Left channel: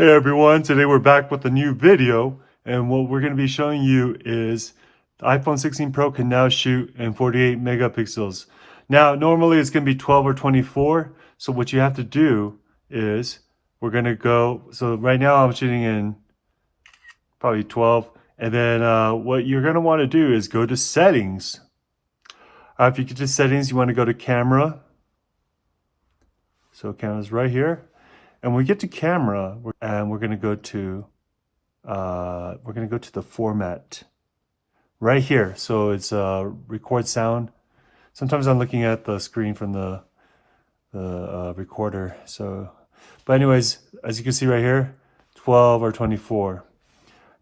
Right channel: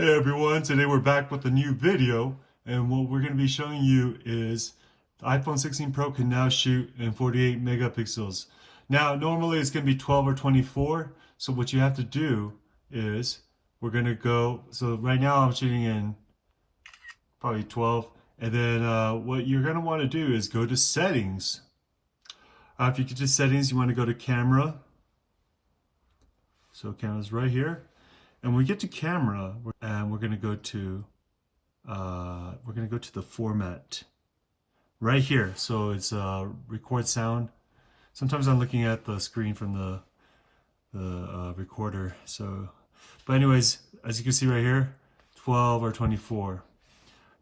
Hey everyone, today we're back with a new video, and what we're going to be showing you is the iPhone 16 Pro can now shoot in 48 megapixels. Now normally it's going to be 12 or 24, so what you have to do is we're going to go, so right now I'm shooting in probably 12, and then what you're going to want to do is go to settings. If you get to settings, you want to go to camera. So camera's right here. And when we get to camera, we're going to go to the format right here. So it's record sound. Sometimes I'm looking at the screen from the recorder. So, but anyways, as you can see right here, 12 or 24.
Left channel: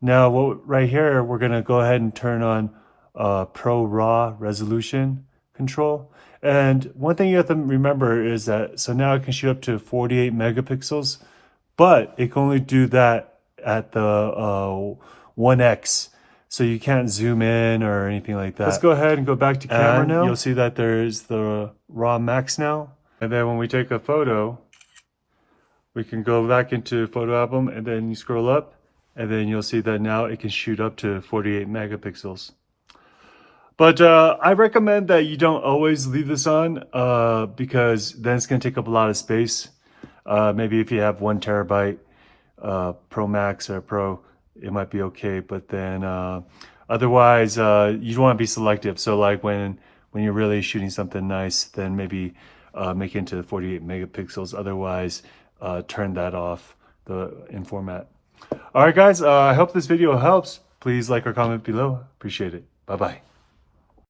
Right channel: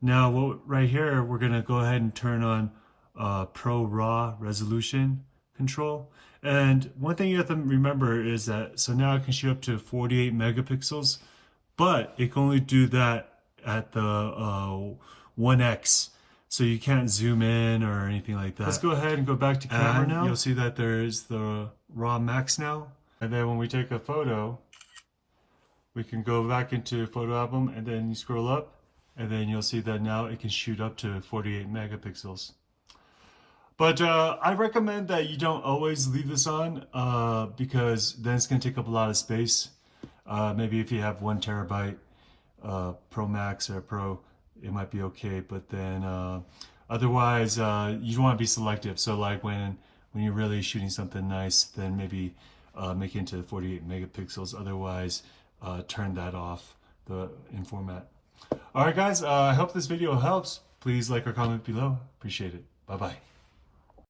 Now, right here, we're going to go ahead and turn on Pro RAW resolution control. And one thing you have to remember is that, so now it can shoot up to 48 megapixels, but it can only do that at the 1x. So you can't zoom in or anything like that. Let's go ahead and go back to camera now. You'll see that there's the RAW max now. And then when we take a photo, we can go back into photo album and then you scroll up and then you'll see that now it can shoot up to 48 megapixels. But I recommend that you don't always leave this on because then it's going to take up a lot of space. Maybe if you have 1 terabyte Pro Max or Pro, it might be okay. But then otherwise, you want to be selective. So like when you're really shooting something nice, then maybe make it into 48 megapixels. Otherwise, turn that off in format. All right, guys, I hope this video helps. Please like or comment below. Appreciate it. Bye-bye.